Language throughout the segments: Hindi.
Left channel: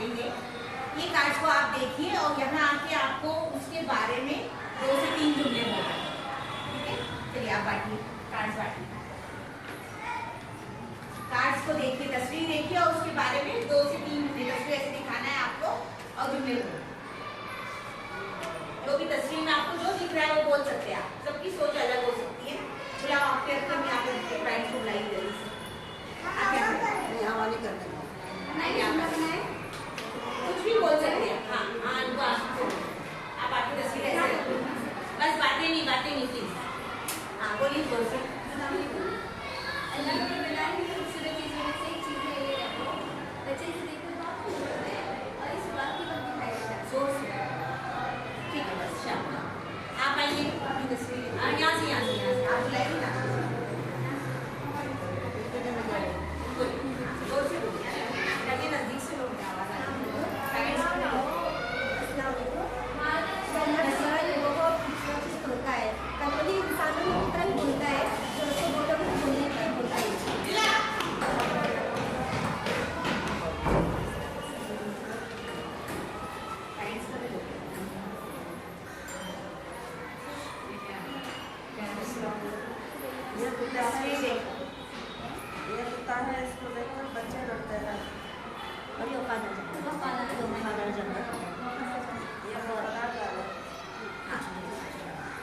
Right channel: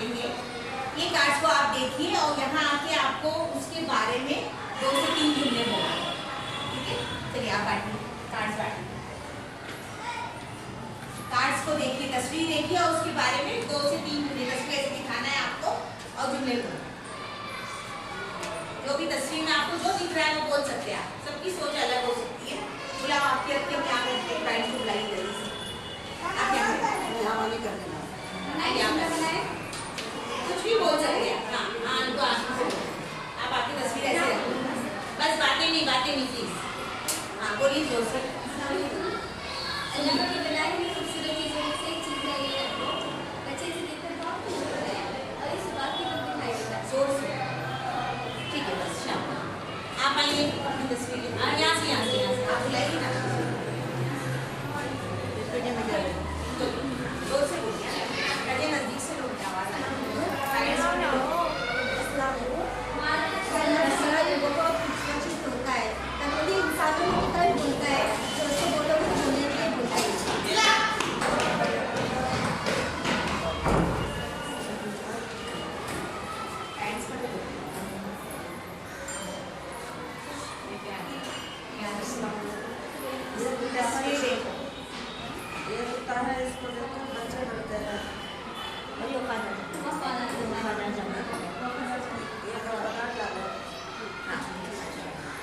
बांटेंगे। ये कार्ड्स को आप देखिए और यहाँ आके आपको उसके बारे में 2 से 3 जुमले बोलना, ठीक है। चलिए आप बांटिए, कार्ड्स बांटिए। कार्ड्स को देखिए, तस्वीर देखिए और उसके बारे में 2 से 3 जुमले, तस्वीर ऐसे दिखाना है आपको और जुमले बोलना। जो भी तस्वीर में आपको जो दिख रहा है वो बोल सकते हैं आप, सबकी सोच अलग हो सकती है। बुलाओ आपके रख के क्या करते हैं, गाइड को बुलाइए जल्दी से। आप क्या करते हैं? वाली करने का कुछ भी बोल सकते हैं। हाँ हाँ, उनको आंसू से बोलो। आप आपकी तस्वीर ऐसे रखो, बस बातें नहीं प्लीज। हाँ बोलिए जोर से। ठीक है, बस शाबाश। आप आइए अपनी तस्वीर, हाँ यहाँ से आप बुलाइए ना। जोर से बोलिए, नजदीक से लोग आवाज होता है। कन्वर्ली इंसानों की तरह बोलता है, जो उसको बोलो वो बोलने के लिए बोलता है। ये कुत्ता है, इसको देखकर बच्चे डरते हैं। ये भगवाना क्या है?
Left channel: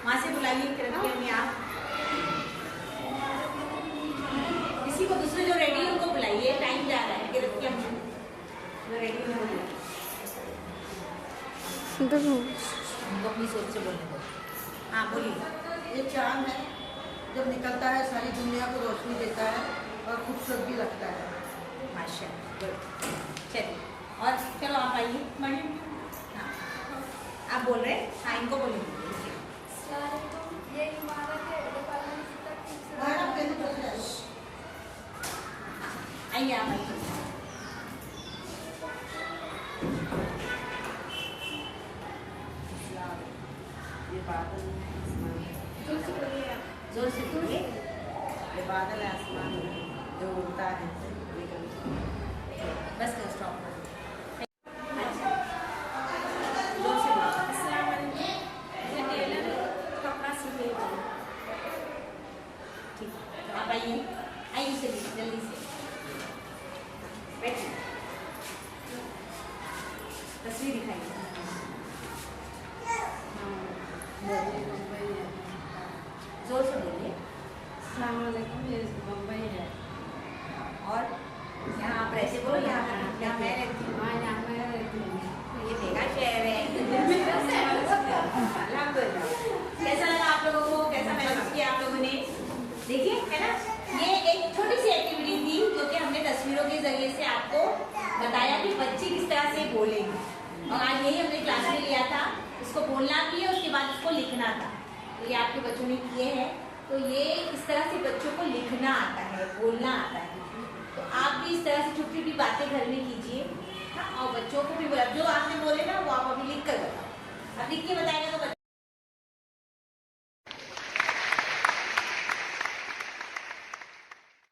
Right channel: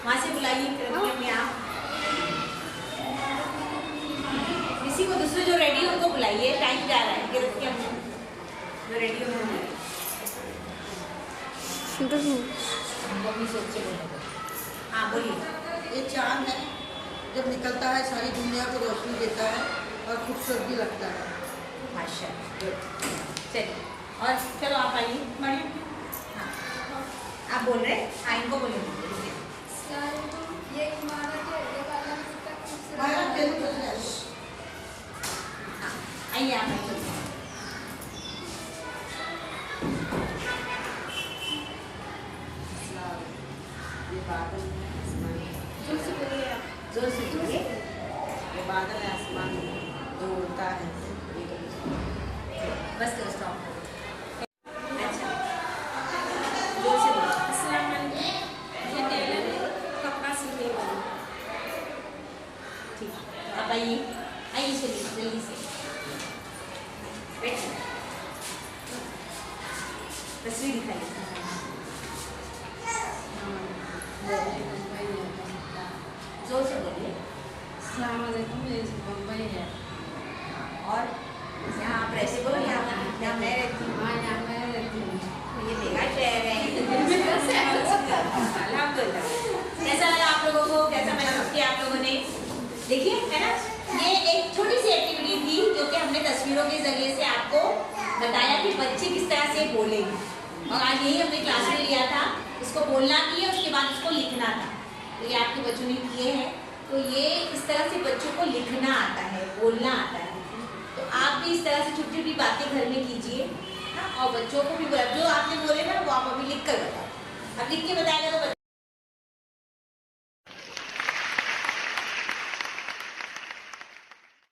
वहाँ से बुलाइए फिर आप किसी को, दूसरे जो रेडी हो उनको बुलाइए, टाइम जा रहा है। कि रखिए हम जो रेडी हो अपनी सोच से बोलने दो। हाँ बोलिए। ये चांद है, जब निकलता है सारी दुनिया को रोशनी देता है और खूबसूरत भी लगता है। माशाल्लाह, गुड। चलिए और चलो आप आइए, बढ़िया। हाँ आप बोल रहे हैं, हाँ इनको बोलिए। ये एक इमारत है, देखो अल्लाह ने कितना खूबसूरत। आइए आप आइए। ये बादल है, आसमान है। जोर से बोलिए आप, जोर से बोलिए। ये बादल है, आसमान है, जो उड़ता है। बस तो स्टॉप हो। अच्छा जोर से बोलिए। अस्सलाम वालेकुम, ये टेलर है, कपड़ा सिलने वाली। ठीक है, आप आइए चलिए जल्दी से बैठिए, तस्वीर दिखाइए। जोर से बोलिए। अस्सलाम वालेकुम, ये बम्बई है। और यहाँ आप रहते हो, यहाँ मैं रहती हूँ। हाँ, यहाँ मैं रहती हूँ। ये मेरा शहर है। अल्हम्दुलिल्लाह। कैसा लगा आप लोगों को, कैसा महसूस किया आप लोगों ने? देखिए है ना, ये एक छोटी सी एक्टिविटी थी जो कि हमने तस्वीरों के जरिए से आपको बताया कि बच्चे किस तरह से बोलेंगे। और आज यही हमने क्लास में लिया था, इसको बोलना भी है, उसके बाद इसको लिखना था। तो ये आपके बच्चों ने किए हैं। तो ये इस तरह से बच्चों को लिखना आता है, बोलना आता है। तो आप भी इस तरह से छोटी छोटी बातें घर में कीजिए। हाँ, और बच्चों को भी जो आपने बोले ना वो आप अभी लिख कर बताओ। अब लिख के बताएगा तो